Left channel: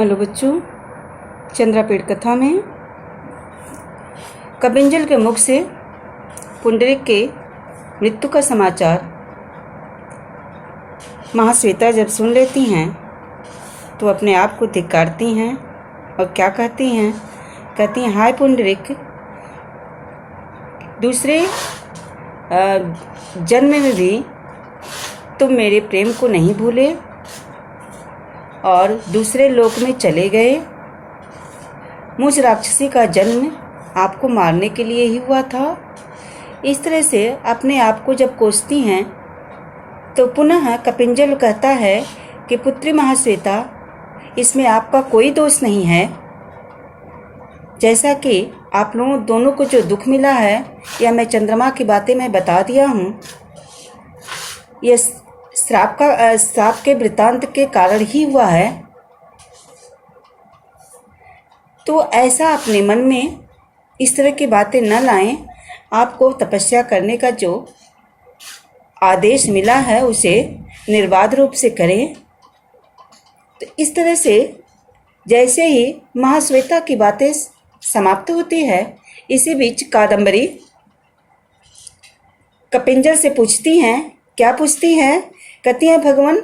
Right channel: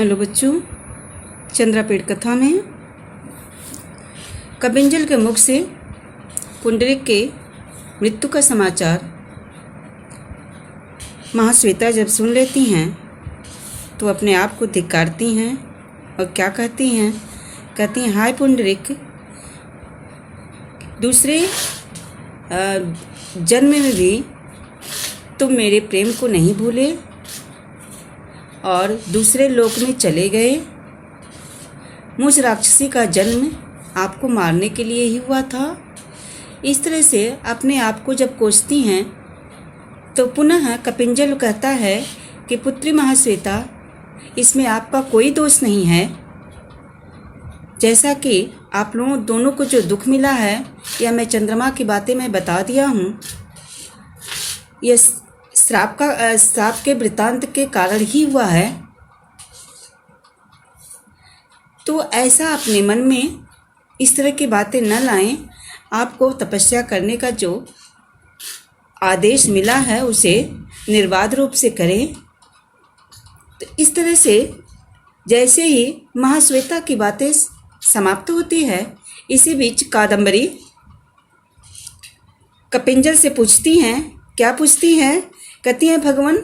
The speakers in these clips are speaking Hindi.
हेलो बच्चों, चंद्रापीठ कथा में कबिंजल के मुख से पुंडरीक के मृत्यु का समाचार महाश्वेता जब सुन लेती हैं तो अपने आप को धिक्कारती हैं और क्या कहती हैं? कहती हैं, हाय पुंडरीक, दूसरे जन्म में भी तुम मेरे प्रेम को नहीं भूले और दूसरे लोक में चले गए। मुझ राक्षसी का जन्म आपको मारने के लिए ही हुआ था। इस तरह से अपने आप को जब कोसती हैं तो पुनः कपिंजल कहता है कि पुत्री महाश्वेता, इसमें आपका कोई दोष नहीं है। जैसा कि आप लोगों दोनों को जो दुख मिला है या मैं चंद्रमा की बातें मैं बता दिया हूँ, यह श्राप के वृत्तांत के कारण ही हुआ है। तो ऐसा अपने मन में इस तरह की बातें न लाएं। आपको तपस्या करने का जो आदेश मिला है उसे निर्बाध रूप से करें। तो इस तरह से जैसे ही महाश्वेता की बातें समाप्त होती है, इसी बीच कादम्बरी कपिंजल से पूछती हैं। क्या पूछती हैं? कहती हैं, भगवान,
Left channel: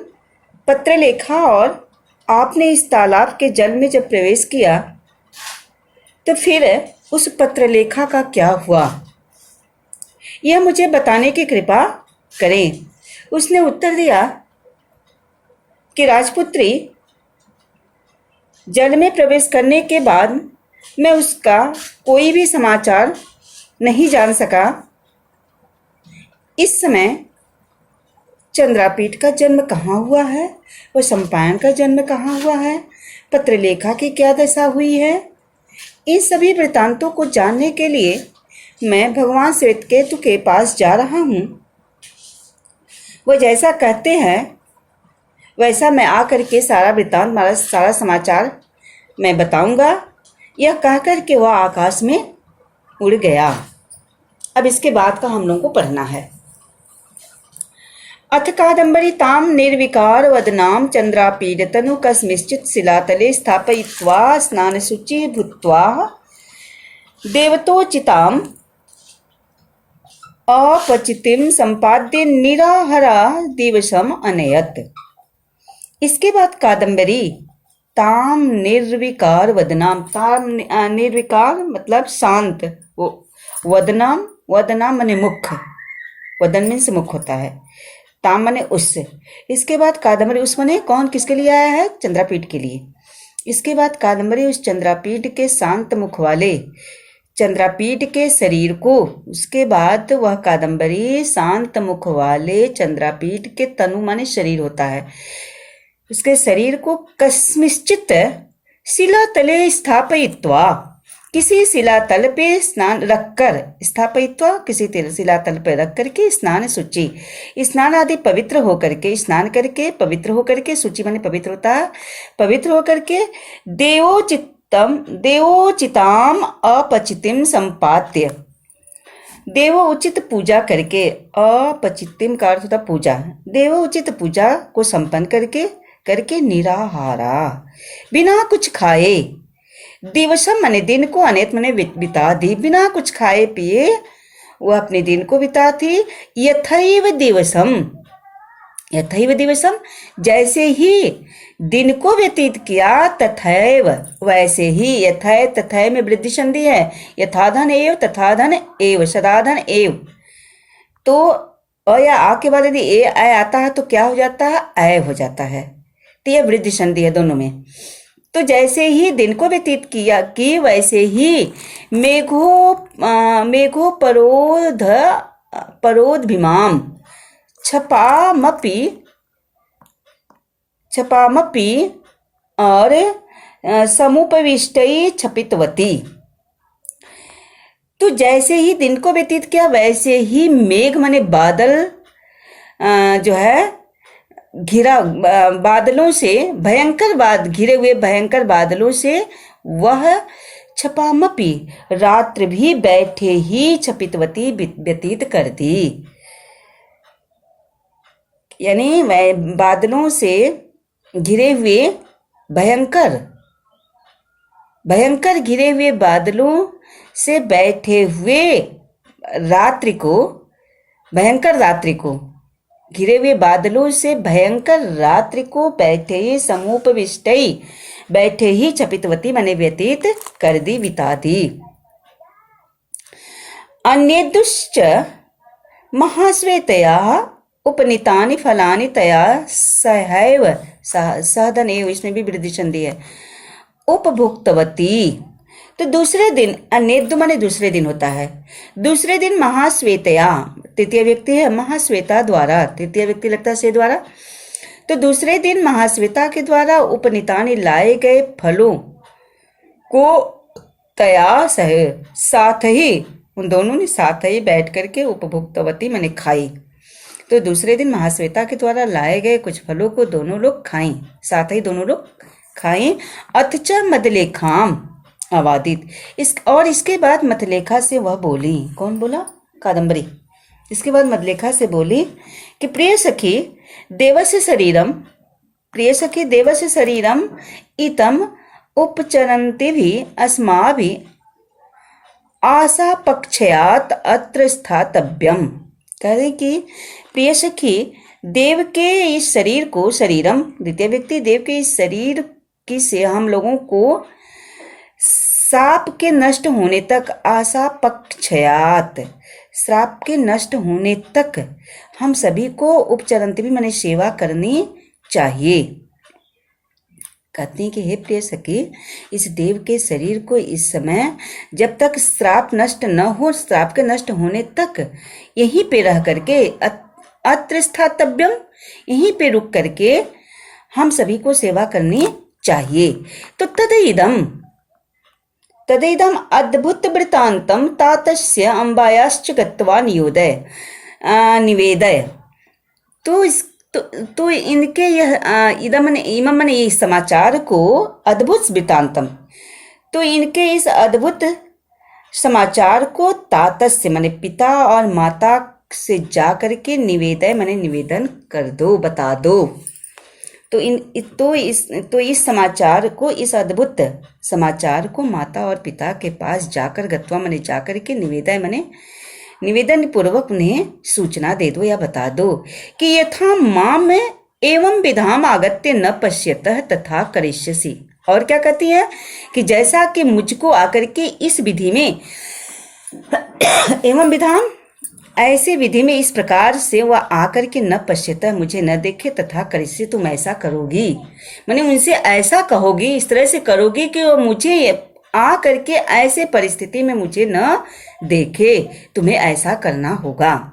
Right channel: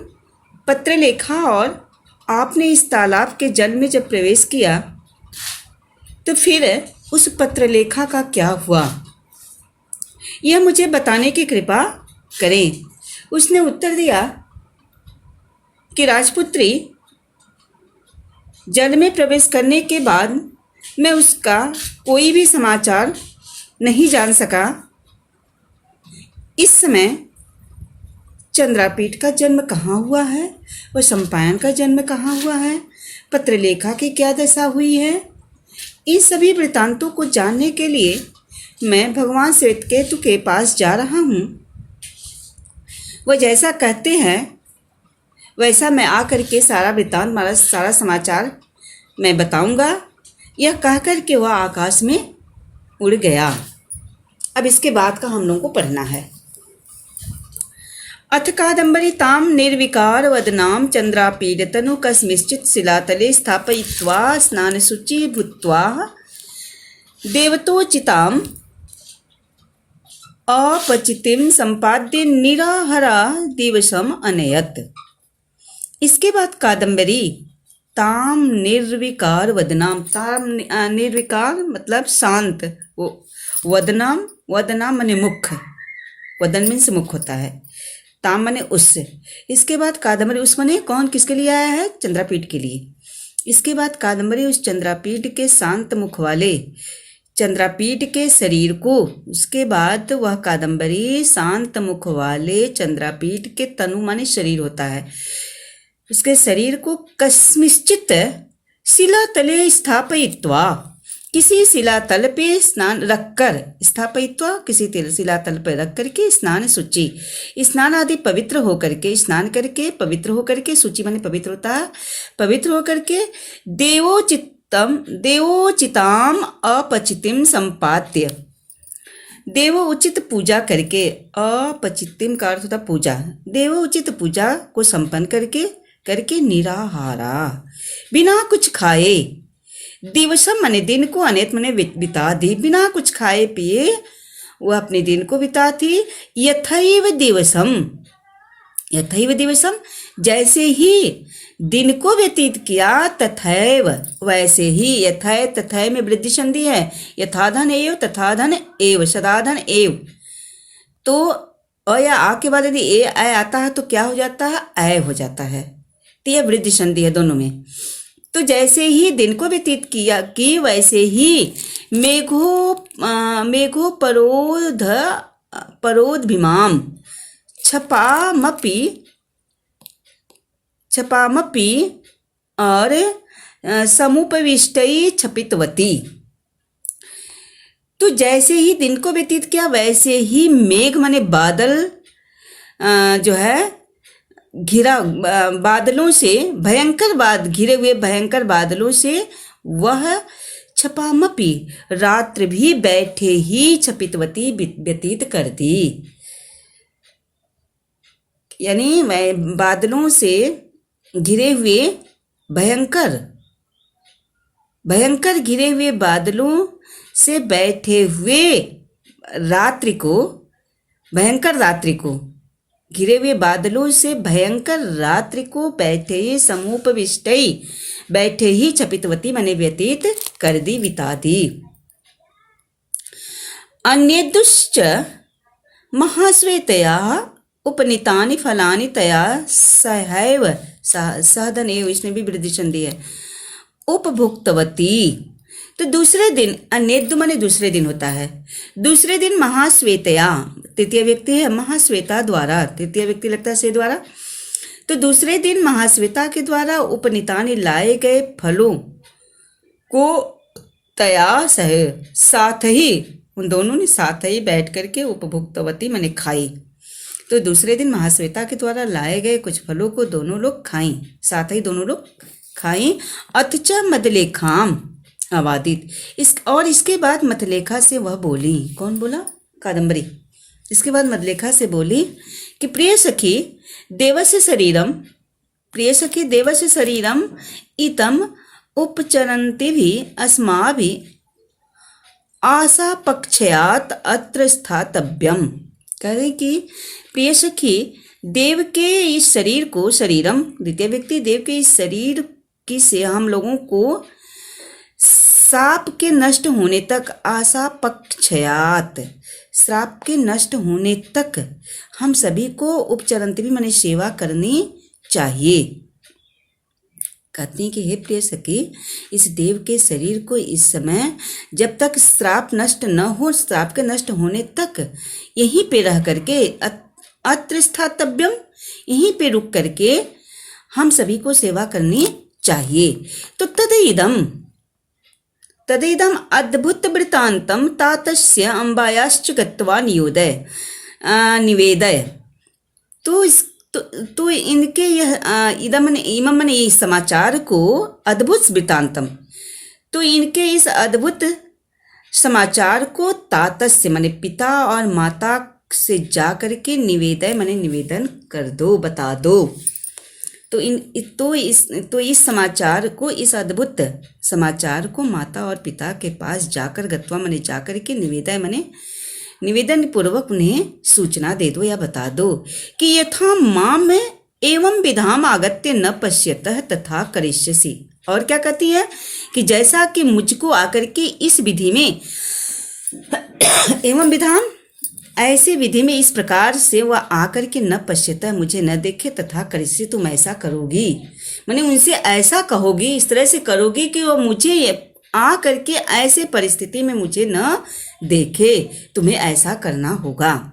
पत्र लेखा और आपने इस तालाब के जल में जब प्रवेश किया तो फिर उस पत्र लेखा का क्या हुआ, यह मुझे बताने की कृपा करें। उसने उत्तर दिया कि राजपुत्री, जल में प्रवेश करने के बाद मैं उसका कोई भी समाचार नहीं जान सका। इस समय चंद्रापीठ का जन्म कहाँ हुआ है और सम्पायन का जन्म कहाँ हुआ है, पत्रलेखा की क्या दशा हुई है, इन सभी वृत्तांतों को जानने के लिए मैं भगवान श्वेतकेतु के पास जा रहा हूँ। वह जैसा कहते हैं वैसा मैं आकर के सारा वृत्तांत, सारा समाचार मैं बताऊंगा। यह कहकर के वह आकाश में उड़ गया। अब इसके बाद का हम लोगों को पढ़ना है। अथ कादम्बरी ताम निर्विकार वदनाम चंद्रापीडतनु कस्मिश्चित् शिलातले स्थापयित्वा स्नानशुचि भूत्वा देवतोचिताम अपचितिम संपाद्य निराहरा दिवसम अनयत। इसके बाद कादम्बरी ताम निर्विकार वदनाम, ताम निर्विकार मतलब शांत, वदनाम, वदनाम माने मुख, वदन में से मुख होता है, ताम माने उससे। इसके बाद कादम्बरी, उस माने कौन, किसके लिए आया है? चंद्रापीठ के लिए। इसके बाद कादम्बरी उस चंद्रापीठ के शांत मुख वाले चंद्रापीठ के शरीर को, उसके बाद वह कादम्बरी शांत मुख वाले चंद्रापीठ के तनु माने शरीर होता है, उसके शरीर को कस्मिश्चित् शिला तले स्थापयित्वा, किसी शिलातल पे स्नान रखकर, स्थापयित्वा किसी शिलातल पर रख करके स्नान शुचि, स्नान आदि पवित्र होकर के, स्नान करके पवित्र होकर के, शुचि माने पवित्र होता है, पवित्र होकर के देवोचिताम अपचितिम संपाद्य, देवोचित पूजा करके, अपचितिम का अर्थ होता पूजा, देवोचित पूजा को संपन्न करके निराहारा, बिना कुछ खाए, दिवसम माने दिन को, अनेत माने बिता दी, बिना कुछ खाए पिए वह अपने दिन को बिता थी। यथैव दिवसम, यथैव दिवसम, जैसे ही दिन को व्यतीत किया, तथैव वैसे ही, यथै तथै में वृद्धि संधि है, यथाधन एव तथाधन एव, सदाधन एव। तो अ या आ के बाद यदि ए आय आता है तो क्या हो जाता है? अय हो जाता है। तो यह वृद्धि संधि है दोनों में। तो जैसे ही दिन को व्यतीत किया कि वैसे ही मेघो परोदभिमाम छपामपि और समुपविष्टै छपितवती। तो जैसे ही दिन को व्यतीत किया वैसे ही मेघ माने बादल जो है घिरा, बादलों से भयंकर घिरे हुए भयंकर बादलों से वह छपामपि, रात्र भी बैठे ही छपितवती व्यतीत कर दी। यानी बादलों से घिरे हुए भयंकर भयंकर घिरे हुए बादलों से बैठे हुए रात्रि को, भयंकर रात्रि को, घिरे हुए बादलों से भयंकर रात्रि को बैठे ही समुपविष्टई, बैठे ही चपितवती मने व्यतीत कर दी, बिता दी। अन्येदुश्च महाश्वेतया उपनीतानि फलानि तया सहैव, सहदन एव, इसमें भी वृद्धि संधि है, उपभुक्तवती। तो दूसरे दिन, अन्येदु माने दूसरे दिन होता है, दूसरे दिन महाश्वेतया, तृतीय व्यक्ति है, महाश्वेता द्वारा, तृतीय व्यक्ति लगता है से द्वारा, तो दूसरे दिन महाश्वेता के द्वारा उपनीतानि लाए गए फलों को तया सह, साथ ही, उन दोनों ने साथ ही बैठ करके उपभुक्तवती मैंने खाई। तो दूसरे दिन महाश्वेता के द्वारा लाए गए कुछ फलों को दोनों लोग खाई, साथ ही दोनों लोग खाई। अथच मदलेखाम आवादित, और इसके बाद मतलेखा से वह बोली, कौन बोला? कादम्बरी। इसके बाद मतलेखा से बोली कि प्रिय सखी देवस्य शरीरम, प्रिय सखी देवस्य शरीरम इतम उपचरन्ति भी अस्माभि आशा पक्षयात अत्र स्थातव्यम। कह रहे कि प्रिय सखी देव के इस शरीर को, शरीरम द्वितीय व्यक्ति, देव के इस शरीर की से हम लोगों को श्राप के नष्ट होने तक, आशा पक्षयात, श्राप के नष्ट होने तक हम सभी को उपचरंती भी माने सेवा करनी चाहिए। कहते हैं कि हे प्रिय सखी, इस देव के शरीर को इस समय जब तक श्राप नष्ट न हो, श्राप के नष्ट होने तक यहीं पे रह करके, अत्र स्थातव्यम, यहीं पे रुक करके हम सभी को सेवा करनी चाहिए। तो तदेदम अद्भुत वृत्तांतम तातस्य अंबायाश्च गत्वा निवेदय। तो इनके यह इमम ने इस समाचार को, अद्भुत वृत्तांतम, तो इनके इस अद्भुत समाचार को तातस्य माने पिता और माता से जा करके निवेदय माने निवेदन कर दो, बता दो। तो इस समाचार को, इस अद्भुत समाचार को माता और पिता के पास जाकर, गत्वा माने जाकर के, निवेदय माने निवेदन पूर्वक उन्हें सूचना दे दो या बता दो कि यथा माम एवं विधाम आगत्य न पश्यतः तथा करिष्यसि। और क्या कहती है कि जैसा कि मुझको आकर के इस विधि में, एवं विधाम, ऐसे विधि में इस प्रकार से वह आकर के न पश्यतः, मुझे न देखे, तथा करिष्य, तुम ऐसा करोगी, माने उनसे ऐसा कहोगी, इस तरह से करोगी कि वो मुझे आ करके ऐसे परिस्थिति में मुझे न देखे, तुम्हें ऐसा करना होगा।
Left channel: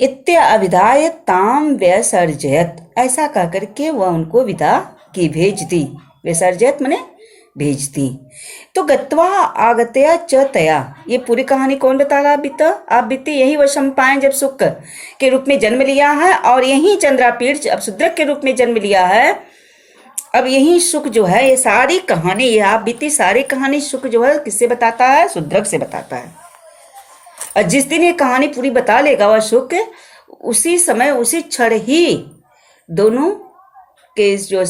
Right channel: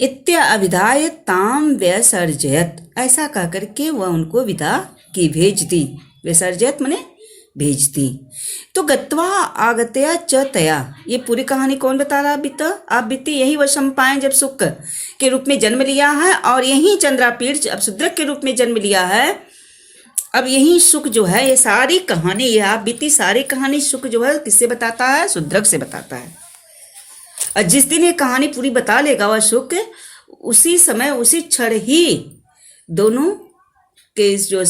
इत्य अविधाय ताम व्यसर्जयत, ऐसा कह करके वह उनको विदा की, भेज दी। व्यसर्जयत माने भेज दी। तो गत्वा आगत्या च तया, ये पूरी कहानी कौन बता रहा? आप बीते यही वह सम्पायन जब सुख के रूप में जन्म लिया है, और यही चंद्रापीठ अब शूद्रक के रूप में जन्म लिया है। अब यही सुख जो है, ये सारी कहानी, ये आप बीती सारी कहानी सुख जो है किससे बताता है? शूद्रक से बताता है। और जिस दिन ये कहानी पूरी बता लेगा वह सुख, उसी समय, उसी क्षण ही दोनों के जो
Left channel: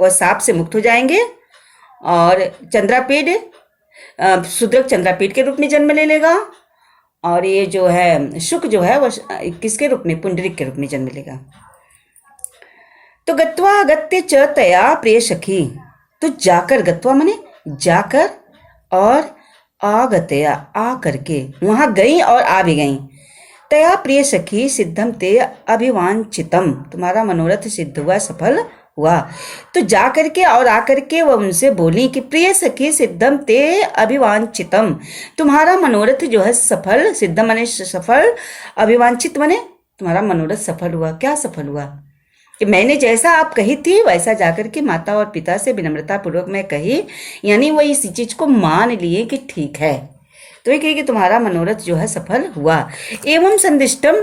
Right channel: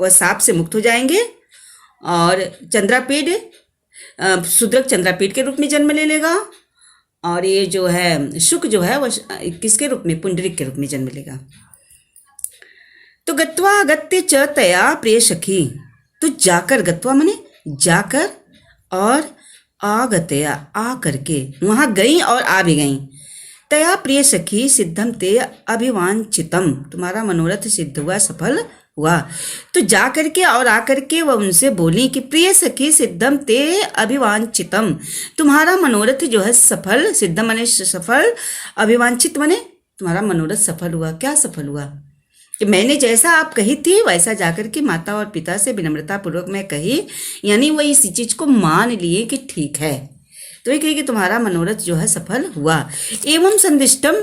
वह साप से मुक्त हो जाएंगे, और चंद्रापीठ, शूद्रक चंद्रापीठ के रूप में जन्म ले लेगा, और ये जो है शुक जो है वह किसके रूप में? पुंडरीक के रूप में जन्म लेगा। तो गत्वा अगत्य च तया प्रिय सखी, तो जाकर, गत्वा माने जाकर, और आगत्या आ करके, वहां गई और आ भी गई। तया प्रिय सखी सिद्धम ते अभिवांचितम, तुम्हारा मनोरथ सिद्ध हुआ, सफल हुआ। तो जा करके और आकर के वह उनसे बोली कि प्रिय सखी सिद्धम ते अभिवांचितम, तुम्हारा मनोरथ जो है सफल, सिद्धम माने सफल, अभिवांचित माने तुम्हारा मनोरथ सफल हुआ। क्या सफल हुआ? कि मैंने जैसा आप कही थी वैसा जाकर के माता और पिता से विनम्रता पूर्वक मैं कही, यानी वह इस चीज को मान लिए कि ठीक है। तो ये कही कि तुम्हारा मनोरथ जो है सफल हुआ। एवं संदिष्टम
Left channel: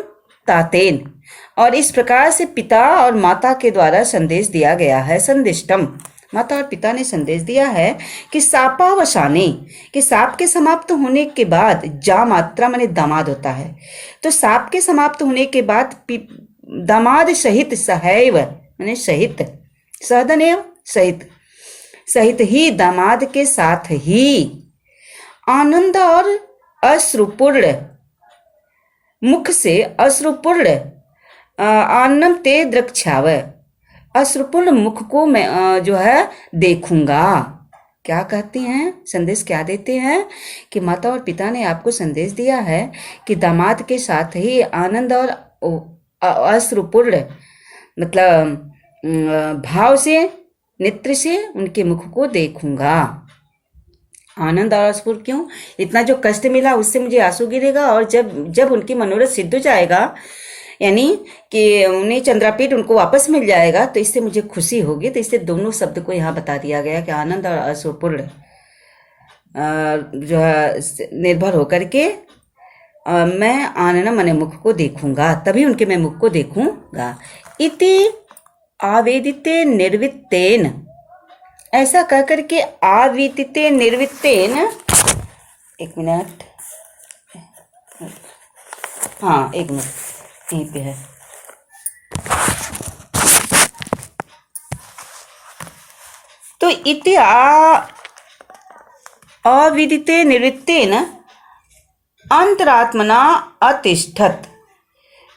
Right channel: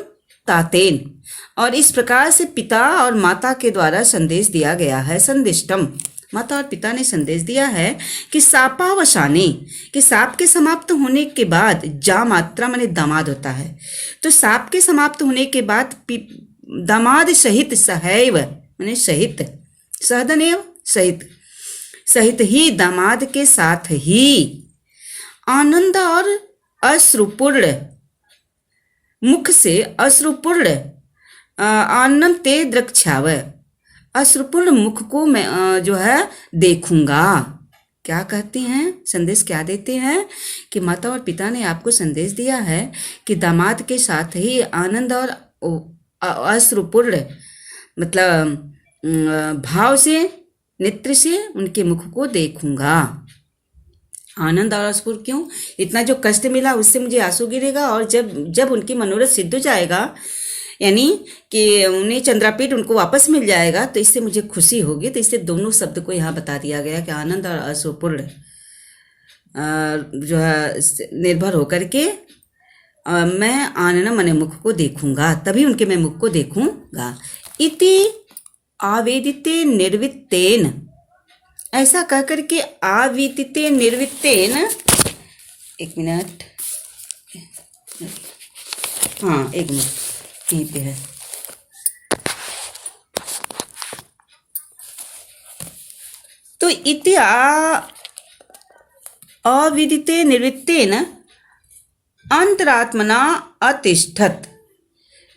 तातेन, और इस प्रकार से पिता और माता के द्वारा संदेश दिया गया है। संदिष्टम, माता और पिता ने संदेश दिया है कि सापावसाने, कि साप के समाप्त होने के बाद, जा मात्रा माने दामाद होता है, तो साप के समाप्त होने के बाद दामाद सहित, सहैव माने सहित, सहदनेव सहित, सहित ही दामाद के साथ ही आनंद और अश्रुपूर्ण मुख से अश्रुपूर्ण आनंद ते द्रक्षाव, अश्रुपूर्ण मुख को मैं जो है देखूंगा। क्या कहते हैं, संदेश क्या देते हैं कि माता और पिता ने आपको संदेश दिया है कि दामाद के साथ ही आनंद और अश्रुपूर्ण मतलब भाव से नेत्र से उनके मुख को देखूंगा। आनंद और अश्रुपूर्ण क्यों, इतना जो कष्ट मिला उससे मुझे आंसू गिरेगा, और जब जब उनकी मनोरथ सिद्ध हो जाएगा, यानी कि उन्हें चंद्रापीठ उनको वापस मिल जाएगा, तो इससे मुझे खुशी होगी। तो इससे दोनों शब्द को यहाँ बता दिया गया कि आनंद और अश्रुपूर्ण जो है निर्भर होकर के मैं आनन मन मुख को देखूंगा, तभी उनके मैं मुख को देखूंगा। इति आवेदिते निर्वित्तेन, ऐसा कह करके आवेदिते निर्वित्तेन, एक मिनट, हाँ एक मिनट यहीं पे है, तो इति अविदिते निर्वित्तेन अंतरात्मना अतिष्ठत,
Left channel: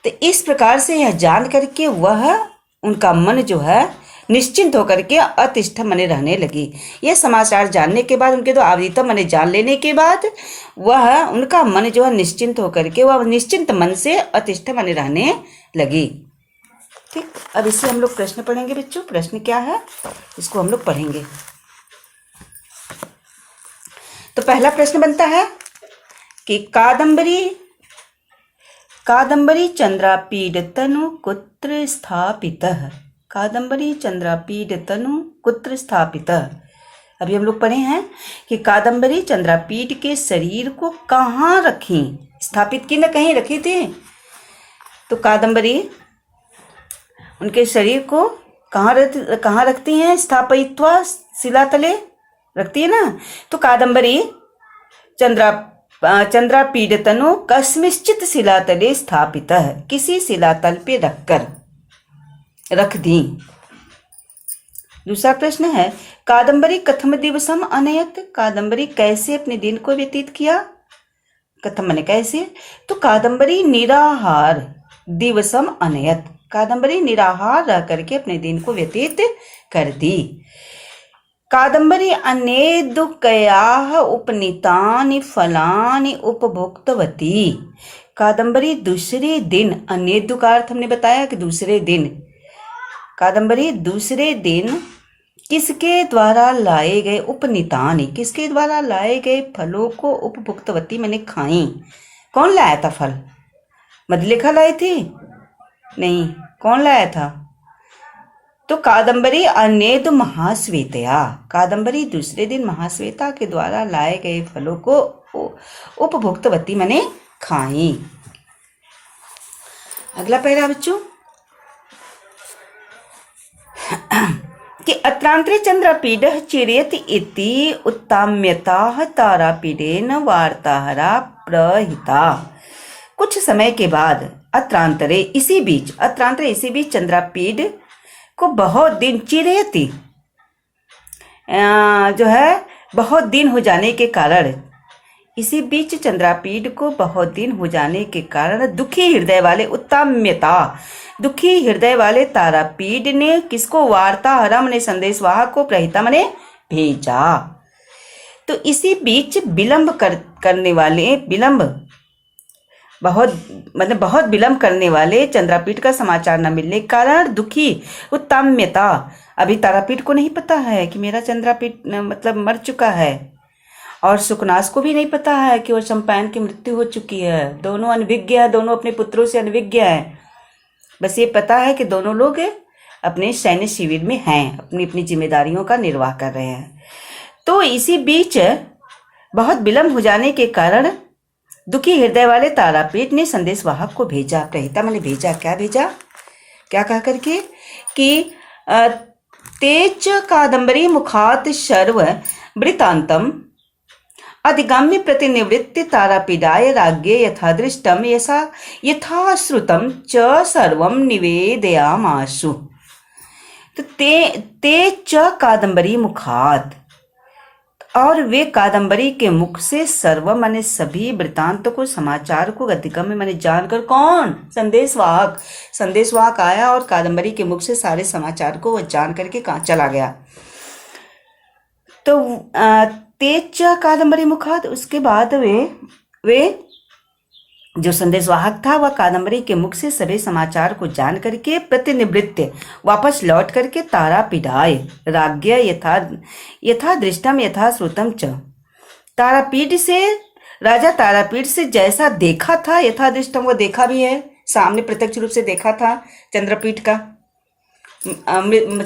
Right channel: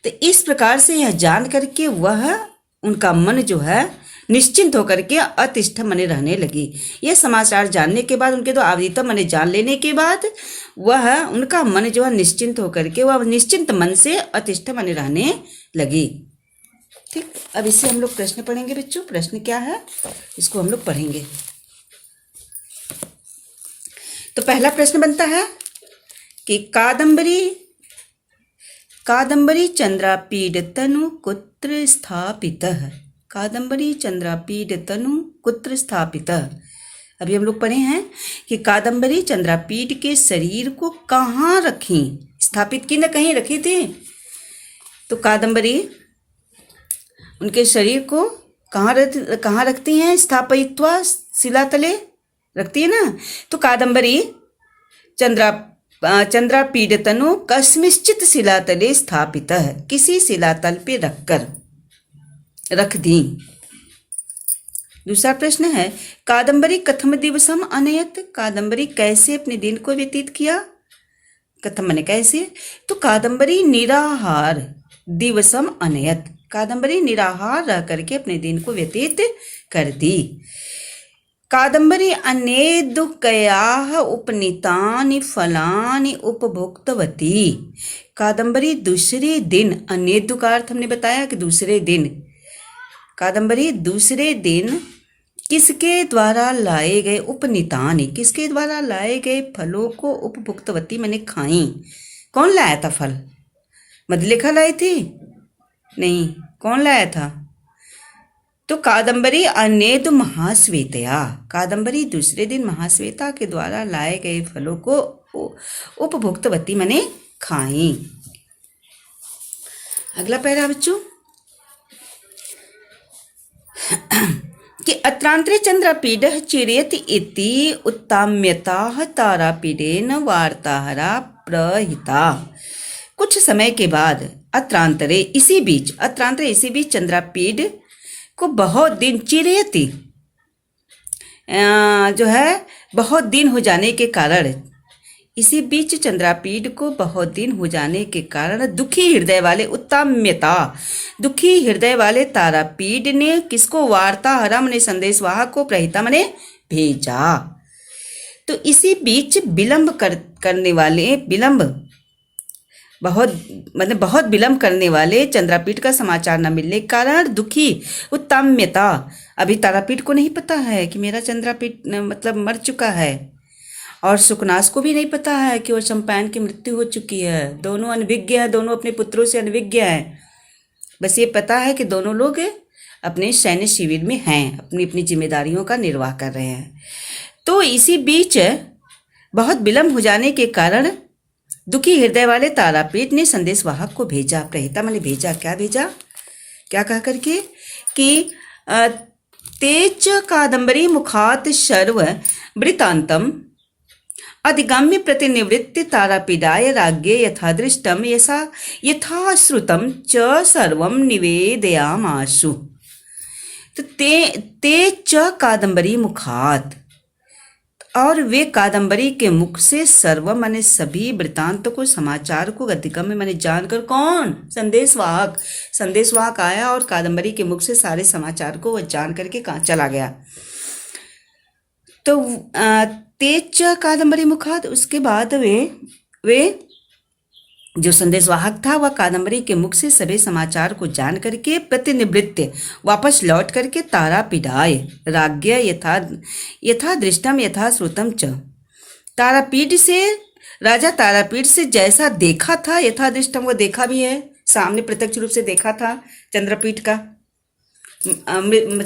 तो इस प्रकार से यह जान करके वह उनका मन जो है निश्चिंत होकर के अतिष्ठ मने रहने लगी। यह समाचार जानने के बाद, उनके तो आविदित मने जान लेने के बाद, वह उनका मन जो है निश्चिंत होकर के वह निश्चिंत मन से अतिष्ठ मने रहने लगी। ठीक, अब इससे हम लोग प्रश्न पढ़ेंगे बच्चों। प्रश्न क्या है इसको हम लोग पढ़ेंगे। तो पहला प्रश्न बनता है कि कादम्बरी चंद्रापीड तनु कुत्र स्थापितः, कादम्बरी चंद्रापीड तनु कुत्र स्थापितः। अभी हम लोग पढ़े हैं कि कादम्बरी चंद्रापीड के शरीर को कहाँ रखी, स्थापित की न कहीं रखी थी। तो कादम्बरी उनके शरीर को कहाँ रखती हैं, स्थापयित्वा शिलातले रखती है ना। तो कादम्बरी चंद्रापीड तनु कस्मिश्चित शिलातले स्थापित है, किसी शिलातल पे रख दी। दूसरा प्रश्न है कादम्बरी कथम दिवसम अनयत, कादम्बरी कैसे अपने दिन को व्यतीत किया, कथम माने कैसे। तो कादम्बरी निराहार दिवसम अनयत, कादम्बरी निराहार रह करके अपने दिन को व्यतीत कर दी। कादम्बरी अनेदुकयाः उपनीतानि फलानि उपभोक्तवती, कादम्बरी दूसरे दिन, अनेदु का अर्थ हमने बताया कि दूसरे दिन, कादम्बरी दूसरे दिन किसके द्वारा लाए गए, उपनीतानि किसके द्वारा लाए गए फलों को उपभुक्तवती मैंने खाई। कौन लाया था फल, मधुलिका लाई थी? नहीं, कौन लाया था? तो कादम्बरी अनेदु महाश्वेतया, कादम्बरी दूसरे दिन महाश्वेता के द्वारा लाए गए फलों को उपभुक्तवती मैंने खाई। अगला पैरा बच्चों कि अत्रांतरे चंद्रापीडः चिरयत इति उत्ताम्यताः तारापीडेन वार्ताहरा प्रहिता। कुछ समय के बाद अत्रांतरे इसी बीच चंद्रापीड को बहुत दिन, चिरयति जो है बहुत दिन हो जाने के कारण, इसी बीच चंद्रापीड को बहुत दिन हो जाने के कारण दुखी हृदय वाले उत्ताम्यता, दुखी हृदय वाले तारापीड ने किसको, वार्ताहरा मने संदेशवाहक को, प्रहिता मने भेजा। तो इसी बीच बहुत विलंब करने वाले चंद्रापीड का समाचार न मिलने के कारण दुखी उत्ताम्यता, अभी तारापीड को नहीं पता है कि मेरा चंद्रापीड मतलब मर चुका है, और सुकनास को भी नहीं पता है कि वो चंपायन की मृत्यु हो चुकी है। दोनों अनभिज्ञ हैं, दोनों अपने पुत्रों से अनभिज्ञ हैं। बस ये पता है कि दोनों लोग अपने सैन्य शिविर में हैं, अपनी अपनी जिम्मेदारियों का निर्वाह कर रहे हैं। तो इसी बीच बहुत विलंब हो जाने के कारण दुखी हृदय वाले तारापीड ने संदेशवाहक को भेजा, प्रहिता मैंने भेजा, क्या भेजा, क्या कह करके कि तेज कादम्बरी मुखात शर्व वृतांतम अधिगम्य प्रतिनिवृत्ति तारापीडाय राज्ञे यथादृष्टम यथाश्रुतम च सर्वम निवेदयामाशु। तो ते च कादम्बरी मुखात, और वे कादम्बरी के मुख से सर्व माने सभी वृतांतों को, समाचार को गतिक्रम में माने जानकर, कौन? संदेशवाहक। संदेशवाहक आया और कादम्बरी के मुख से सारे समाचार को वह जान करके कहाँ चला गया। तो तेज कादम्बरी मुखात, उसके बाद वे जो संदेशवाहक था वह कादम्बरी के मुख से सभी समाचार को जान करके प्रतिनिवृत्त वापस लौट करके तारापीठाय राज्ञ यथा दृष्टम यथा श्रुतम च, तारापीठ से, राजा तारापीठ से जैसा देखा था, यथा दृष्टम, वो देखा भी है, सामने प्रत्यक्ष रूप से देखा था चंद्रपीठ का,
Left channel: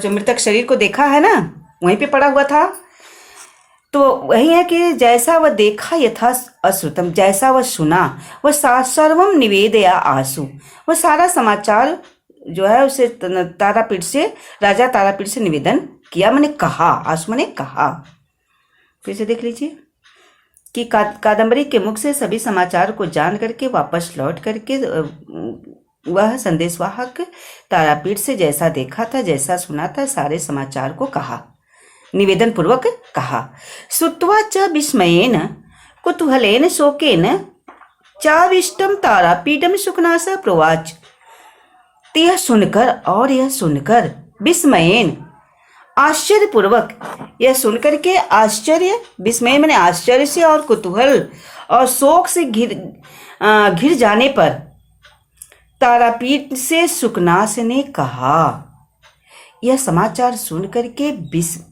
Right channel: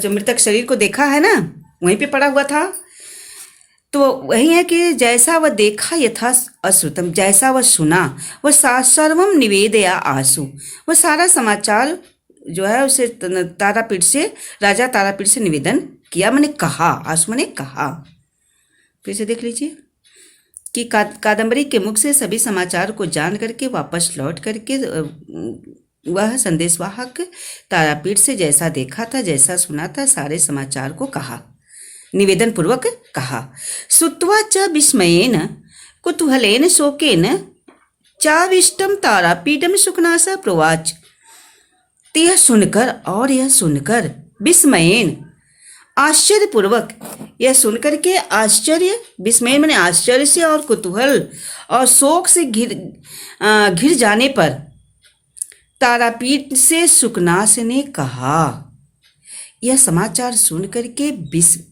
मृतक शरीर को देखा है ना, वहीं पे पड़ा हुआ था। तो वही है कि जैसा वह देखा यथा अश्रुतम, जैसा वह सुना, वह सर्वम निवेदया आसु, वह सारा समाचार जो है उसे तारापीठ से, राजा तारापीठ से निवेदन किया, मैंने कहा, आसु मैंने कहा। फिर से देख लीजिए कि कादम्बरी के मुख से सभी समाचार को जान करके वापस लौट करके वह संदेशवाहक तारापीठ से जैसा देखा था, जैसा सुना था, सारे समाचार को कहा, निवेदन पूर्वक कहा। श्रुत्वा च विस्मयेन कुतूहलेन शोकेन चाविष्टम तारापीठम सुखनास प्रोवाच, तो यह सुनकर, और यह सुनकर, विस्मयेन आश्चर्यपूर्वक, यह सुनकर के आश्चर्य, विस्मय मैंने आश्चर्य से और कुतूहल और शोक से घिर जाने पर तारापीठ से सुखनास ने कहा। यह समाचार सुन करके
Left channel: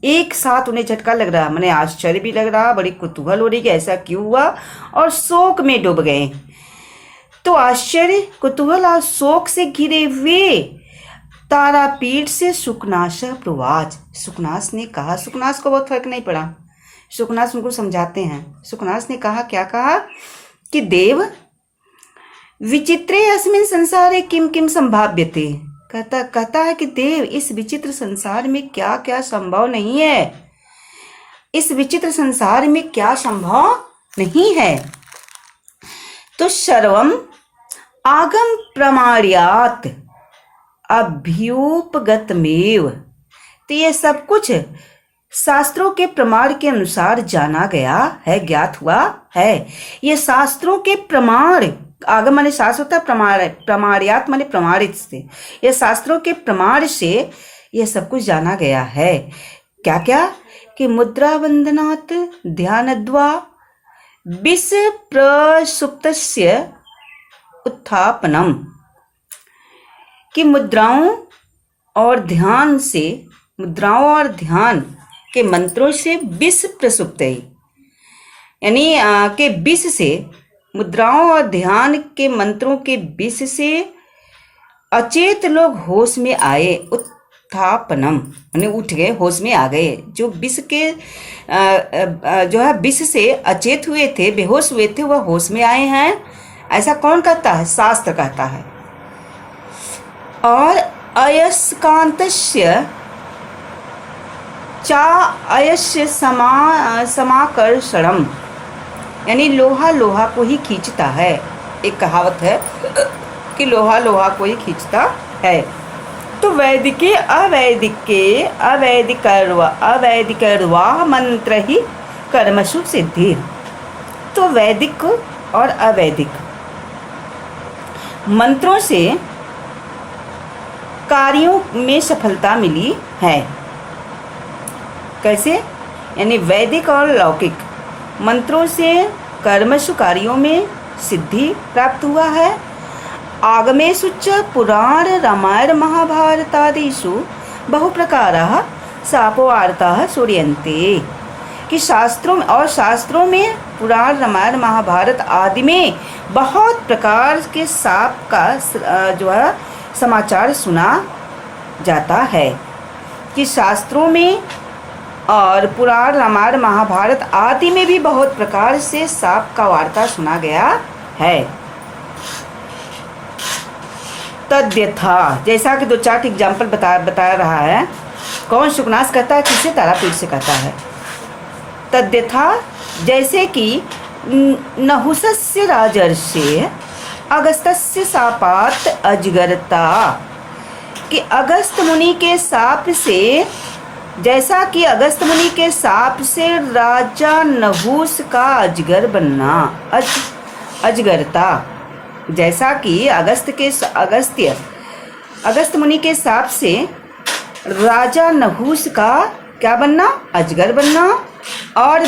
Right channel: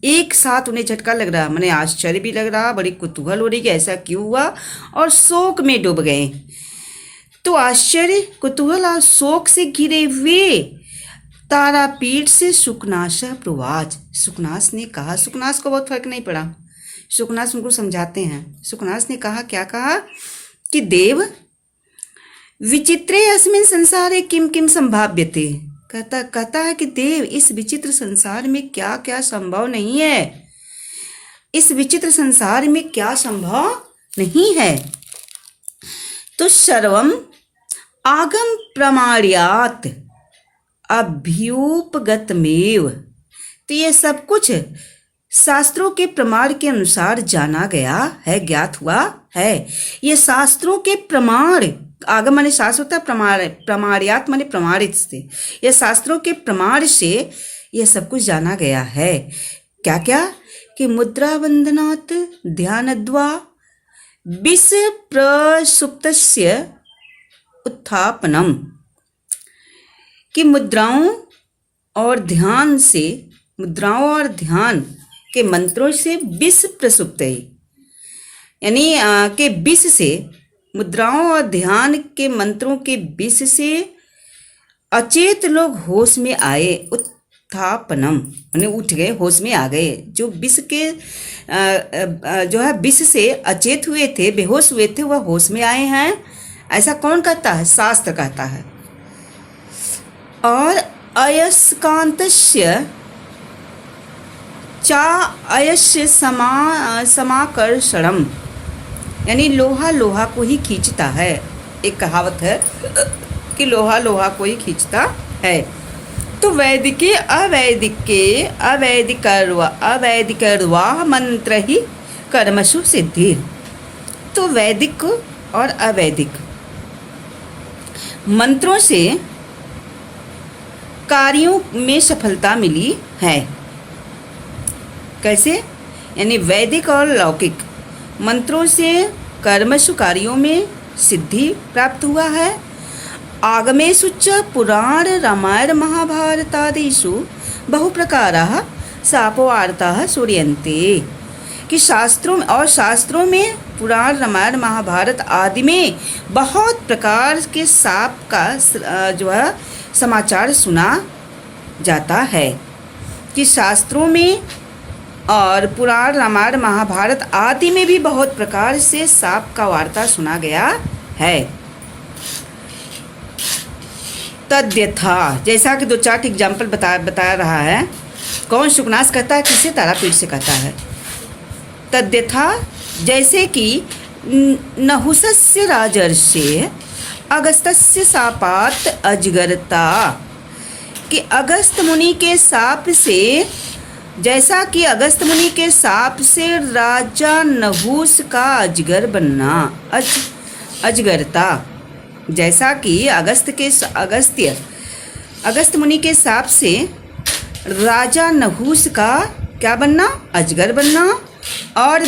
एक साथ उन्हें झटका लग रहा, मैंने आश्चर्य भी लग रहा, बड़ी कुतूहल हो रही कि ऐसा क्यों हुआ, और शोक में डूब गए। तो आश्चर्य, कुतूहल और शोक से घिरे हुए तारापीठ से सुखनास प्रवाच, सुखनास ने कहा। सुखनास को बहुत फर्क नहीं पड़ा, सुखनास उनको समझाते हैं। सुखनास ने कहा, क्या कहा कि देव विचित्रे अस्मिन् संसारे किम किम संभाव्यते, कहता है कि देव इस विचित्र संसार में क्या क्या संभव नहीं है, इस विचित्र संसार में क्या संभव नहीं है। तो सर्वम आगम प्रमाण्यात अभ्युपगतमेव, तो ये सब कुछ शास्त्रों के प्रमाण के अनुसार जाना गया है, ज्ञात हुआ है। ये शास्त्रों के प्रमाण, आगम माने शास्त्र होता है, प्रमाण्यात माने प्रमाणित से, ये शास्त्रों के प्रमाण से ये सब कुछ जाना गया है। क्या क्या कि मुद्रा बंधनात् ध्यानद्वा विष प्रसुप्तस्य उत्थापनम, कि मुद्राओं और ध्यान से, मुद्राओं और ध्यान के मंत्रों से विष प्रसुप्त, यानी के विष से, मुद्राओं और ध्यान के मंत्रों के विष से अचेत लोग होश में आए, उत्थापनम यानी उठ गए, होश में आ गए। जो विष के जो है विष से अचेत हुए थे, बेहोश हुए थे, वह होश में आए हैं। ऐसा कौन कहता है? शास्त्र कहता है। और अयस्कांतस्य चा अयस्य समाकर्षणम, यानी लोहा लोहा को ही खींचता है। एक कहावत है कि लोहा लोहा को ही खींचता है। तो वैदिके अवैदिकर्वा मंत्र ही कर्मसु सिद्धि। तो वैदिक और अवैदिक मंत्रों से कार्यों में सफलता मिली है। कैसे? यानी वैदिक और लौकिक मंत्रों से कर्मसु कार्यों में सिद्धि प्राप्त हुआ है। आगमेषु च पुराण रामायण महाभारतादिषु बहुप्रकाराः शापोवार्ताः श्रूयन्ते, कि शास्त्रों में पुराण रामायण महाभारत आदि में बहुत प्रकार के शाप का जो है समाचार सुना जाता है। कि शास्त्रों में और पुराण रामायण महाभारत आदि में भी बहुत प्रकार से शाप का वार्ता सुना गया है। तद्यथा, जैसा कि 2-4 एग्जाम्पल बता रहा है। कौन? सुखनास कहता है। किससे? तारापीठ से कहता है। तद्यथा, जैसे कि नहुसस्य राजर्षे अगस्त्यस्य शापात् अजगरता, कि अगस्त मुनि के शाप से, जैसा कि अगस्त मुनि के शाप से राजा नहुस का अजगर बनना, अजगरता, जैसा कि अगस्त मुनि के शाप से राजा नहुस का क्या बनना, अजगर बनना। और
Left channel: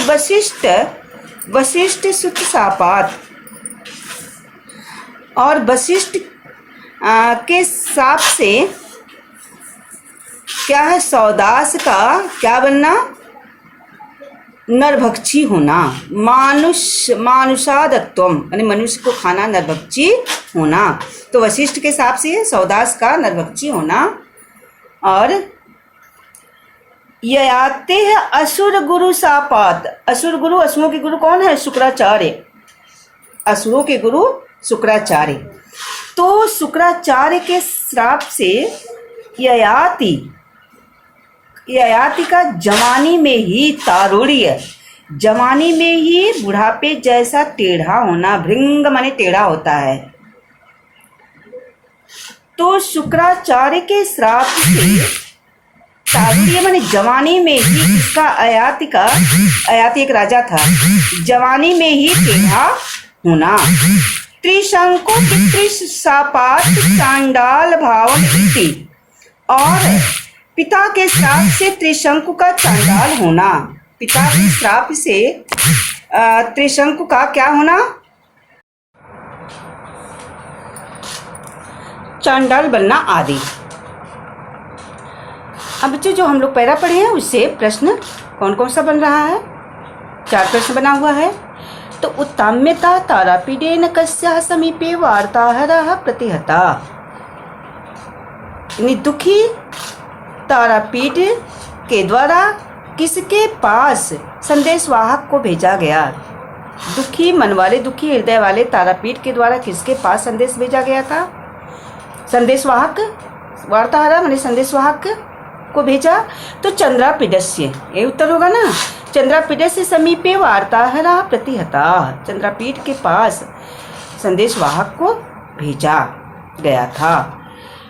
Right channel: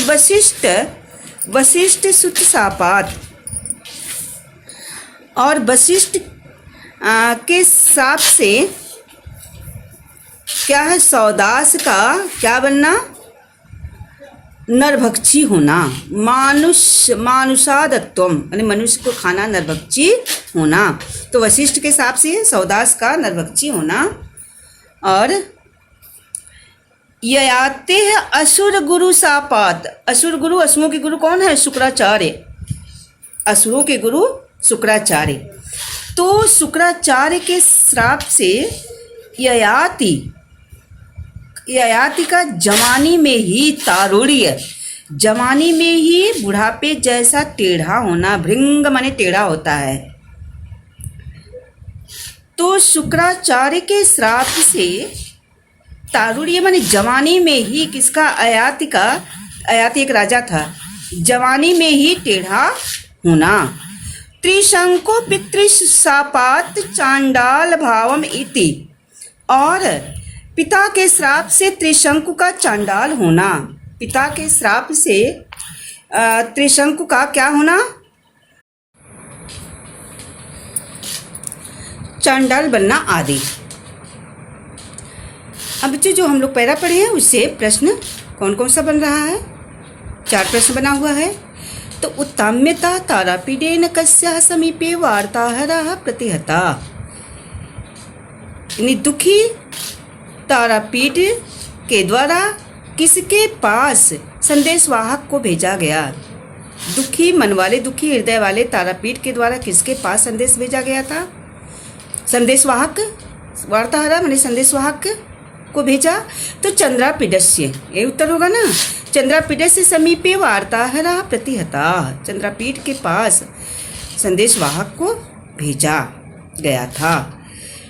वशिष्ठ सुत शापात, और वशिष्ठ के शाप से क्या है, सौदास का क्या बनना, नरभक्षी होना। मानुषादत्वम यानी मनुष्य को खाना, नरभक्षी होना। तो वशिष्ठ के शाप से सौदास का नरभक्षी होना। और ययाते है असुर गुरु शापात, असुर गुरु, असुरों के गुरु कौन है, शुक्राचार्य, असुरों के गुरु शुक्राचार्य। तो शुक्राचार्य के श्राप से ययाति का जवानी में ही तारुण्य, जवानी में ही बुढ़ापे जैसा टेढ़ा होना, भृंग माने टेढ़ा होता है। तो शुक्राचार्य के श्राप से तारुण्य माने जवानी में ही, किसका, अयाति एक राजा था, जवानी में ही टेढ़ा होना। त्रिशंकु पितृशापात चांडाल भावम इति, और पिता के श्राप से त्रिशंकु का चांडाल होना, पिता के श्राप से त्रिशंकु का क्या होना, चांडाल बनना आदि। अब जो हम लोग पैरा पढ़े हैं उससे प्रश्न कौन कौन सा बन रहा है, 4 प्रश्न बना हुआ है। तो उत्ताम्यता तारापीडेन कस्याः समीपे वार्ताहरः प्रतिहता, यानी दुखी तारापीड के द्वारा किसके पास संदेशवाहक को भेजा गया, दुखी मन वाले, दुखी हृदय वाले तारापीड के द्वारा किसके पास संदेश भेजा गया था, संदेशवाहक, वार्ताहर माने संदेशवाहक को भेजा। तो चंद्रापीडस्य, ये उत्तर होगा ना, चंद्रापीडस्य समीपे वार्ताहरः प्रतिहता, चंद्रापीड के पास संदेशवाहक को भेजा गया था।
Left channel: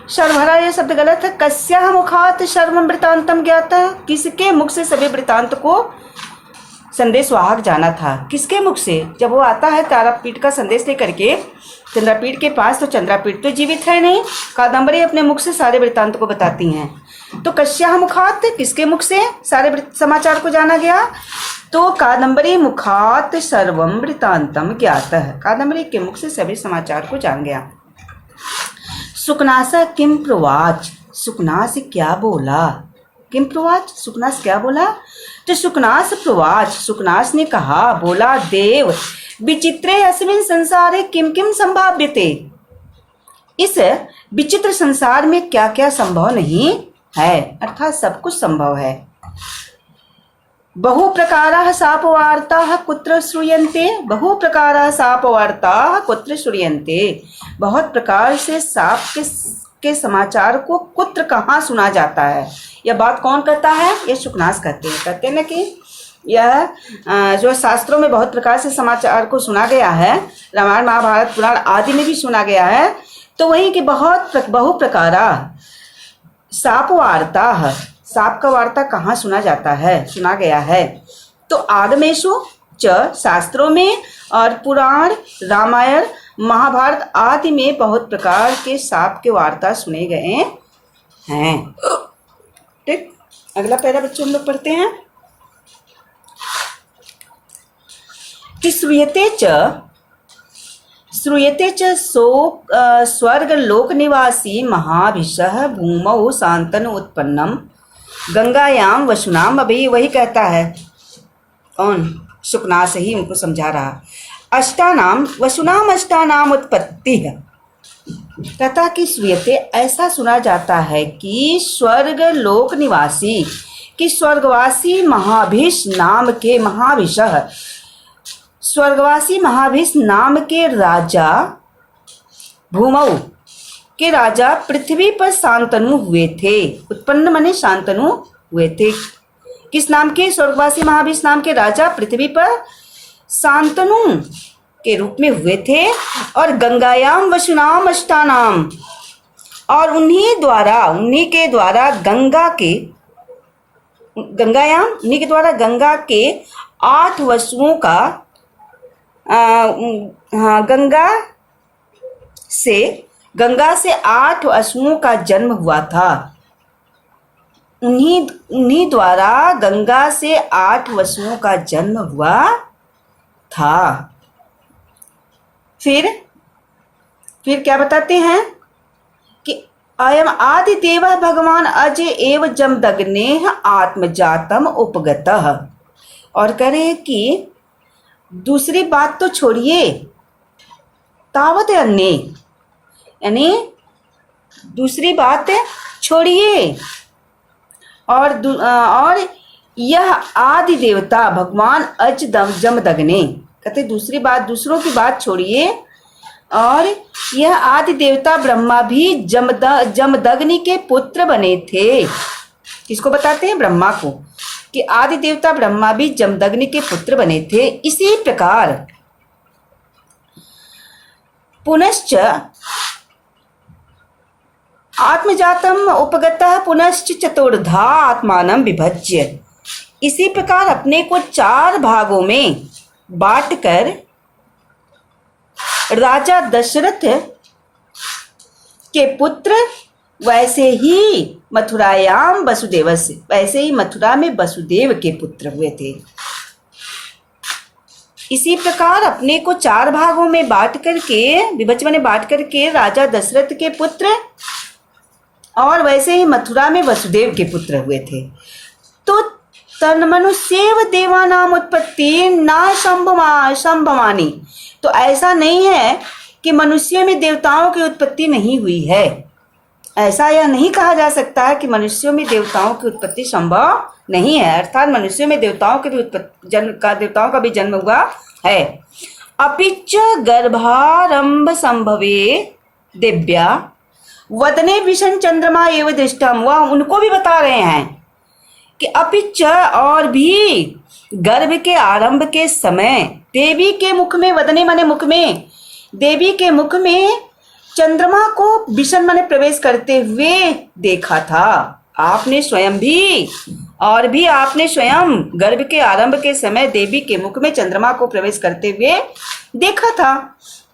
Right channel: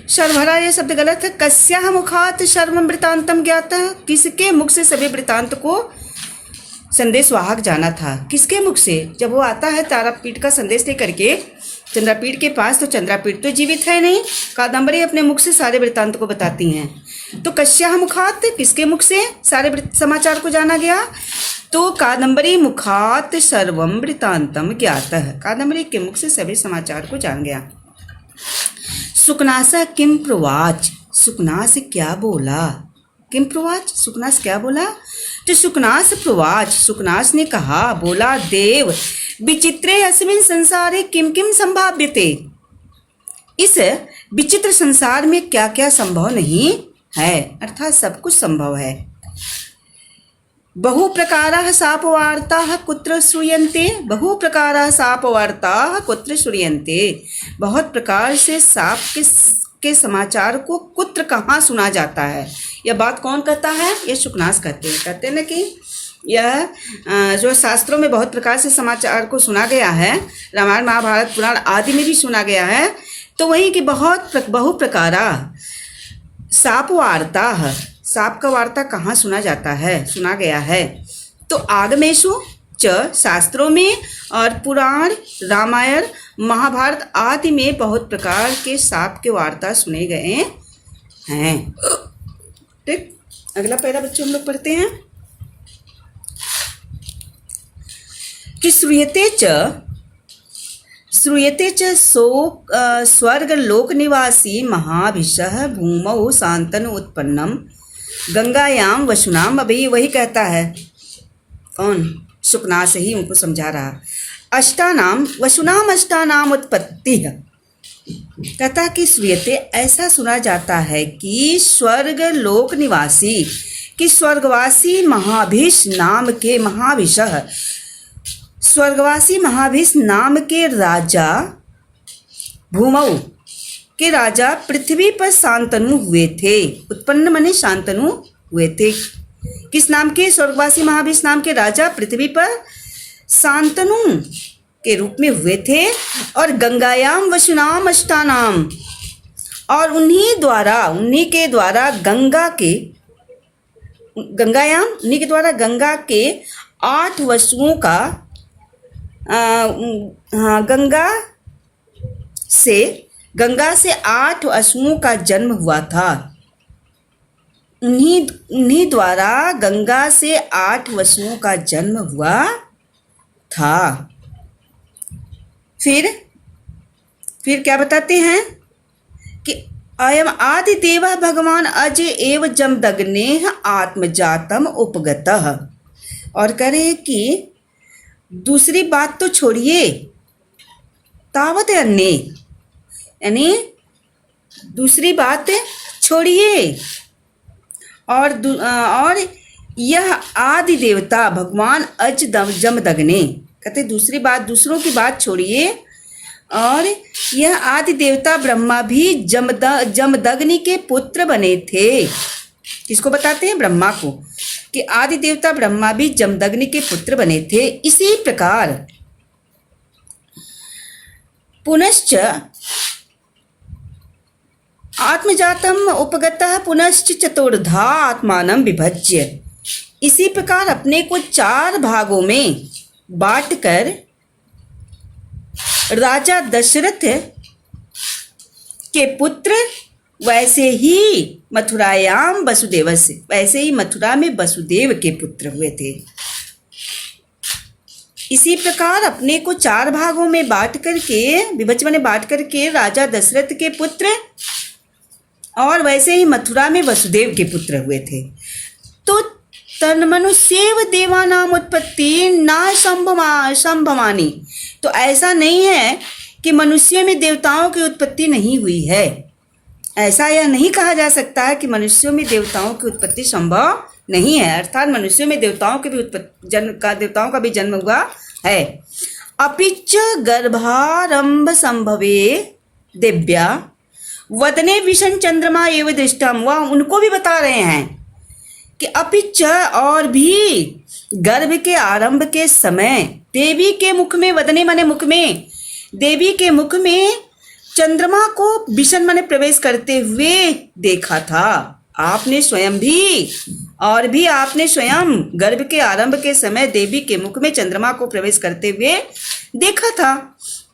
शर्वहरा यह शब्द गलत है। कस्याः मुखात् सर्वं वृत्तान्तं ज्ञातः, किसके मुख से सभी वृत्तांत को संदेशवाहक जाना था, किसके मुख से, जब वो आता है तारापीठ का संदेश लेकर के चंद्रापीठ के पास, तो चंद्रापीठ तो जीवित है नहीं, कादम्बरी अपने मुख से सारे वृत्तांत को बताती हैं। तो कस्याः मुखात्, किसके मुख से सारे समाचार को जाना गया, तो कादम्बरी मुखात् सर्वं वृत्तान्तं ज्ञातः, कादम्बरी के मुख से सभी समाचार को जान गया। सुकनास किम प्रवाच, सुकनास क्या बोला, किम प्रवाच, सुकनास क्या बोला, तो सुकनास प्रवाच, सुकनास ने कहा, बोला, देव विचित्रे अस्मिन् संसारे किम किम संभाव्यते, इस विचित्र संसार में क्या क्या संभव नहीं है, अर्थात सब कुछ संभव है। बहु प्रकाराः शापवार्ताः कुत्र श्रूयन्ते, बहु प्रकाराः शापवार्ताः कुत्र श्रूयन्ते, बहुत प्रकार से शाप के समाचार को कुत्र कहाँ सुना जाता है। यह बात कौन कहता है, ये शुकनास कहते हैं ना कि यह जो शास्त्रों में बहुत प्रकार से समाचार को सुना गया है, रामायण महाभारत पुराण आदि में भी सुना गया है, तो वही कि बहु प्रकारा शाप वार्ता, शाप का वार्ता कहाँ सुना जाता है, सुना गया है, तो आगमेशु च, शास्त्रों में, और पुराण रामायण महाभारत आदि में बहुत प्रकार के शाप के वार्ता सुने गए हैं। ठीक, अगला पैरा बच्चों हम लोग पढ़ते हैं कि श्रूयते च स्वर्ग लोक निवासी महाभिषः भूमौ शांतनु उत्पन्नम गंगायाम वसुनाम, अभी वही कहता है, कौन, शुकनास ही उनको समझा रहा। अष्टानाम वसुनाम अष्टानाम उत्पत्ति, कहता कि श्रूयते, ऐसा सुना जाता है कि स्वर्ग लोक निवासी, कि स्वर्गवासी महाभिष नाम के, महाभिषः स्वर्गवासी महाभिष नाम के राजा, भूमौ के राजा पृथ्वी पर शांतनु हुए थे, उत्पन्न माने शांतनु हुए थे। किस नाम के, स्वर्गवासी महाभिष नाम के राजा पृथ्वी पर शांतनु के रूप में हुए थे। और गंगायाम वसुनाम अष्टानाम, और उन्हीं के द्वारा गंगा के 8 वसुओं का गंगा से 8 वसुओं का जन्म हुआ था। उन्हीं द्वारा गंगा से 8 वसुओं का जन्म हुआ था। फिर क्या बताते हैं कि अयम आदि देव भगवान अज एव जमदग्ने आत्मजातम उपगतः। और करें कि दूसरी बात तो छोड़िए, तावत अन्य, यानी दूसरी बात छोड़िए, और यह आदि देवता भगवान अज जमदग्ने, कहते दूसरी बात, दूसरों की बात छोड़िए, और यह आदि देवता ब्रह्मा भी जमदग्नि के पुत्र बने थे। किसको बताते हैं? ब्रह्मा को, कि आदि देवता ब्रह्मा भी जमदग्नि के पुत्र बने थे। इसी प्रकार पुनश्च आत्मजातम उपगतः पुनश्च चतुर्धा आत्मानं विभज्य। इसी प्रकार अपने को 4 भागों में बांटकर राजा दशरथ के पुत्र वैसे ही मथुरायाम वसुदेवस्य, वैसे ही मथुरा में वसुदेव के पुत्र हुए थे। इसी प्रकार अपने को 4 भागों में बांट करके राजा दशरथ के पुत्र और वैसे ही मथुरा में वसुदेव के पुत्र हुए थे। तो तन्मनुष्येव देवानाम उत्पत्ति न संभवानी। तो ऐसा नहीं है कि मनुष्य में देवताओं की उत्पत्ति नहीं हुई है। ऐसा यह नहीं कहा जा सकता है कि मनुष्यों में देवताओं की उत्पत्ति संभव नहीं है, अर्थात मनुष्यों में देवताओं का भी जन्म हुआ है। अपिच गर्भारंभ संभवे दिव्या वदने विषण चंद्रमा एवं दृष्टम। वह उनको भी बता रहे हैं कि अपिच, और भी गर्भ के आरंभ के समय देवी के मुख में, वदने माने मुख में, देवी के मुख में चंद्रमा को विषण माने प्रवेश करते हुए देखा था। आपने स्वयं भी, और भी आपने स्वयं गर्भ के आरंभ के समय देवी के मुख में चंद्रमा को प्रवेश करते हुए देखा था।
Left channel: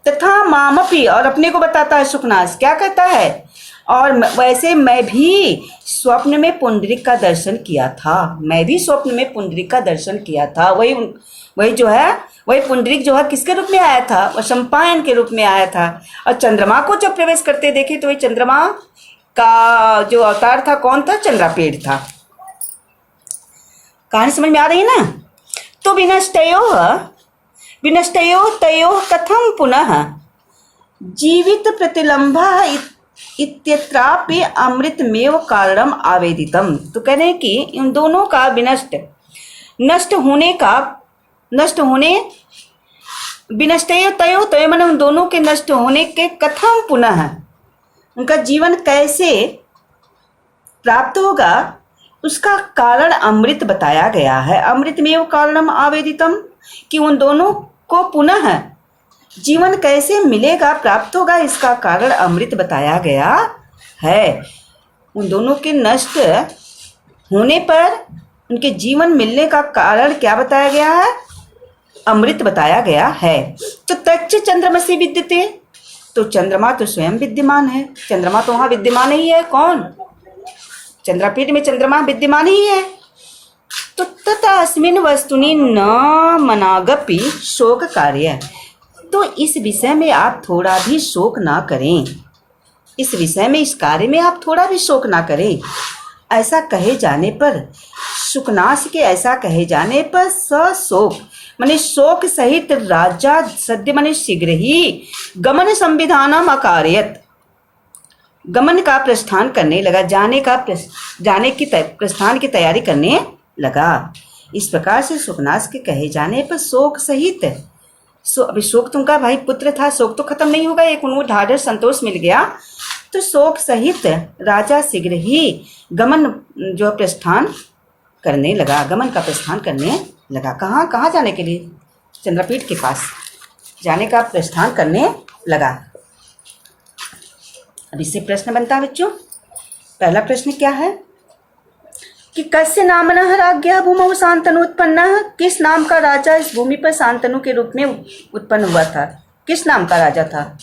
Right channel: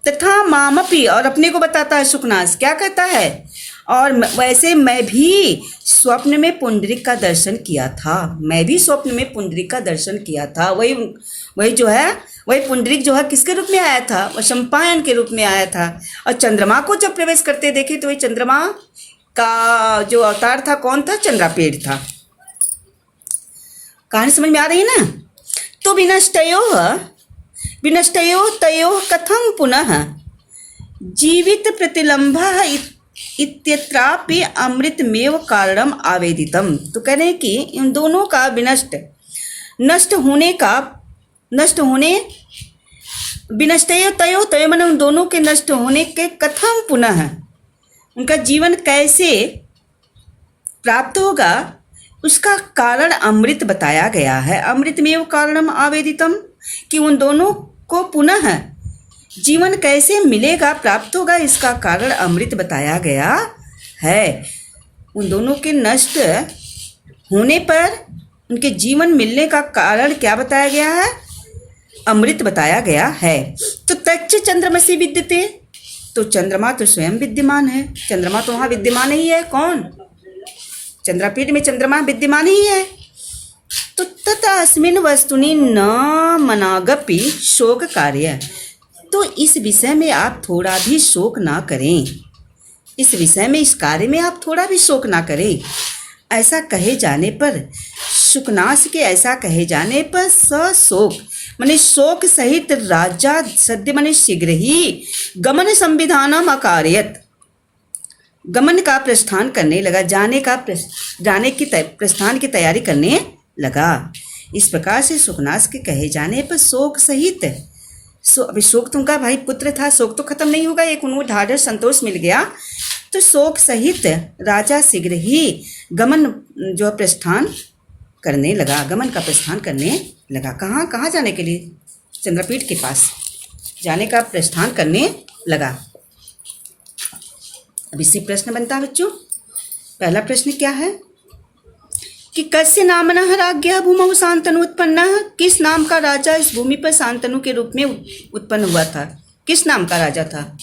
तथा मामपी, और अपने को बताता है सुखनास, क्या कहता है? और वैसे मैं भी स्वप्न में पुंडरीक का दर्शन किया था। मैं भी स्वप्न में पुंडरीक का दर्शन किया था। वही पुंडरीक जो है किसके रूप में आया था? वह शम्पायन के रूप में आया था। और चंद्रमा को जब प्रवेश करते देखे तो वही चंद्रमा का जो अवतार था कौन था? चंद्रापेड़ था। कहानी समझ में आ रही है ना? तो विनष्टयो तयो कथम पुनः जीवित प्रतिलंबः इत्यत्रापि अमृतमेव कारणम आवेदितम। तो कह रहे हैं कि इन दोनों का विनष्टयो तयो माने उन दोनों के नष्ट होने के कथम पुनः, उनका जीवन कैसे प्राप्त होगा उसका कारण अमृत बताया गया है। अमृतमेव कारणम आवेदितम, कि उन दोनों को पुनः जीवन कैसे मिलेगा, प्राप्त होगा, इसका कारण अमृत बताया गया है। उन दोनों के नष्ट होने पर उनके जीवन मिलने का कारण क्या बताया गया है? अमृत बताया गया है। तो तच्च चंद्रमसि विद्यते, तो चंद्रमा तो स्वयं विद्यमान है। चंद्रमा तो वहाँ विद्यमान ही है। कौन? चंद्रापीठ में चंद्रमा विद्यमान ही है। तो तथा अस्मिन् वस्तुनि न मनागपि शोक कार्य। तो इस विषय में आप थोड़ा भी शोक ना करें। इस विषय में, इस कार्य में आप थोड़ा भी शोक ना करें। ऐसा कहे जाने पर, शुकनाश के ऐसा कहे जाने पर सशोक माने शोक सहित राजा सद्य माने शीघ्र ही गमन संविधानम अकारयत, गमन का प्रस्थान करने लगा, जाने की प्रस्थान की तैयारी करने लगा। इस प्रकार से शुकनाश के कहे जाने पर शोक सहित, अभी शोक तुमका भाई पुत्र था, शोक तो खत्म नहीं होगा, एक उनको ढाढ़स संतोष मिल गया, तो शोक सहित राजा शीघ्र ही गमन जो प्रस्थान करने लगा, गमन का प्रस्थान करने लगा। कहाँ जाने के लिए? चंद्रपीठ के पास जाने का प्रस्थान करने लगा। अब इससे प्रश्न बनता है बच्चों। पहला प्रश्न क्या है कि कस्य नामनः राज्ञः भूमौ शांतनु उत्पन्नः, किस नाम का राजा इस भूमि पर शांतनु के रूप में उत्पन्न हुआ था? किस नाम का राजा था?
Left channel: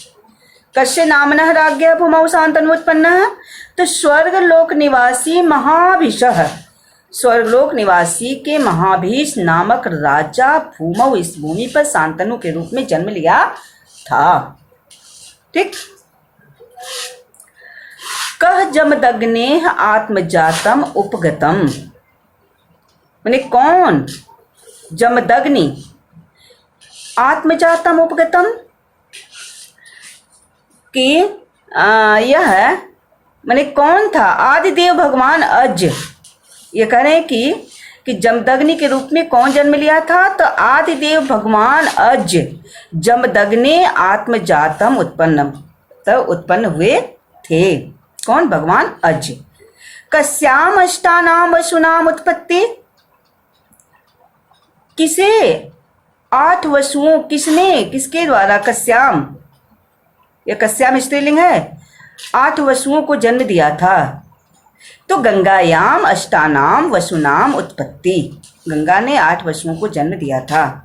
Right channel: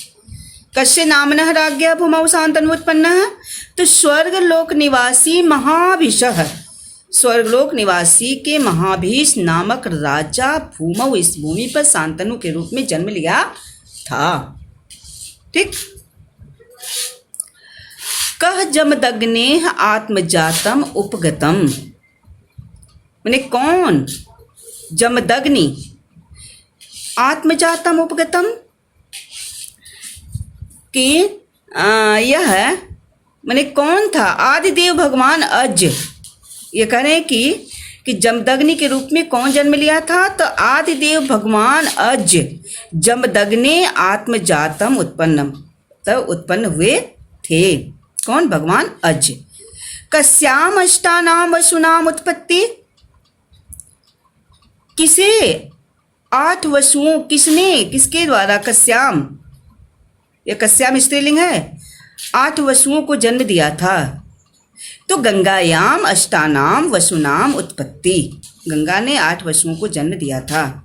कस्य नामनः राज्ञः भूमौ शांतनु उत्पन्नः, तो स्वर्गलोक निवासी महाभीषः, स्वर्गलोक निवासी के महाभीष नामक राजा भूमौ इस भूमि पर शांतनु के रूप में जन्म लिया था। ठीक। कह जमदग्नेः आत्मजातम उपगतम, माने कौन? जमदग्नि आत्मजातम उपगतम कि यह माने कौन था? आदिदेव भगवान अज। ये कह रहे हैं कि जमदग्नि के रूप में कौन जन्म लिया था? तो आदिदेव भगवान अज जमदग्ने आत्मजातम उत्पन्नम, तो उत्पन्न हुए थे। कौन? भगवान अज। कस्याम अष्टानाम वसुनाम उत्पत्ति, किसे? 8 वसुओं, किसने? किसके द्वारा? कस्याम, यह कस्याम स्त्रीलिंग है। 8 वसुओं को जन्म दिया था। तो गंगायाम अष्टानाम वसुनाम उत्पत्ति, गंगा ने 8 वसुओं को जन्म दिया था।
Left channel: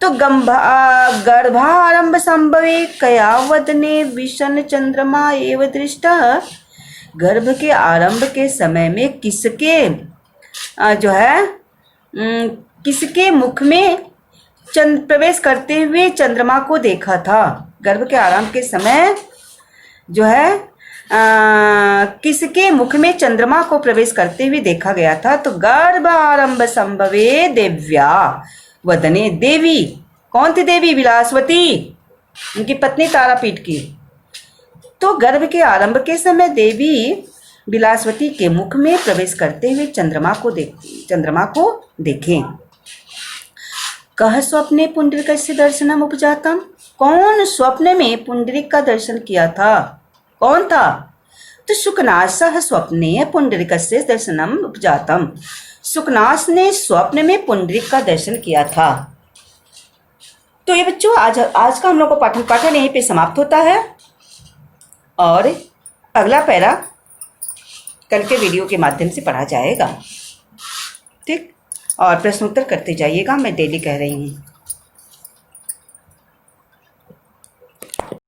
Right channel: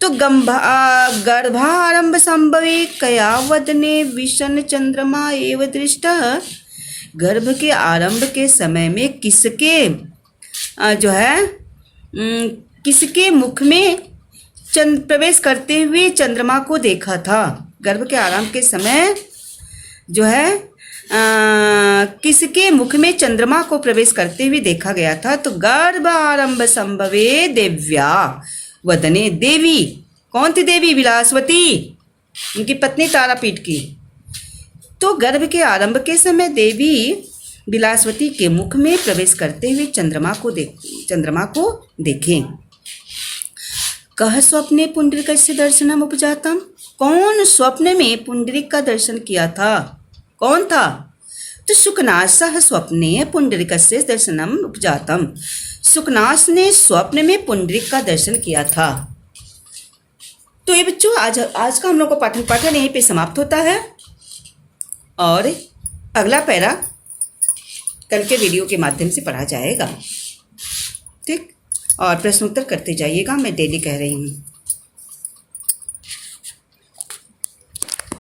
तो गर्भारंभ संभवे कया वदने विशन चंद्रमा एव दृष्टः, गर्भ के आरंभ के समय में किसके जो है किसके मुख में प्रवेश करते हुए चंद्रमा को देखा था? गर्भ के आरंभ के समय जो है किसके मुख में चंद्रमा को प्रवेश करते हुए देखा गया था? तो गर्भ आरंभ संभवे देव्या वदने, देवी कौन थी? देवी विलासवती, उनकी पत्नी तारापीठ की। तो गर्भ के आरंभ के समय देवी विलासवती के मुख में प्रवेश करते हुए चंद्रमा को देखें। कह स्वप्ने पुंडरीकस्य दर्शनम उपजातम, कौन स्वप्न में पुंडरीक का दर्शन किया था? कौन था? तो शुकनासः स्वप्ने पुंडरीकस्य दर्शनम उपजातम, शुकनास ने स्वप्न में पुंडरीक का दर्शन किया था। तो ये बच्चों आज का हम लोग को पाठन यहीं पे समाप्त होता है, और अगला पैरा कल के वीडियो के माध्यम से पढ़ा जाएगा। ठीक। और प्रश्न उत्तर करते जाइएगा, मैं डेली कह रही हूँ।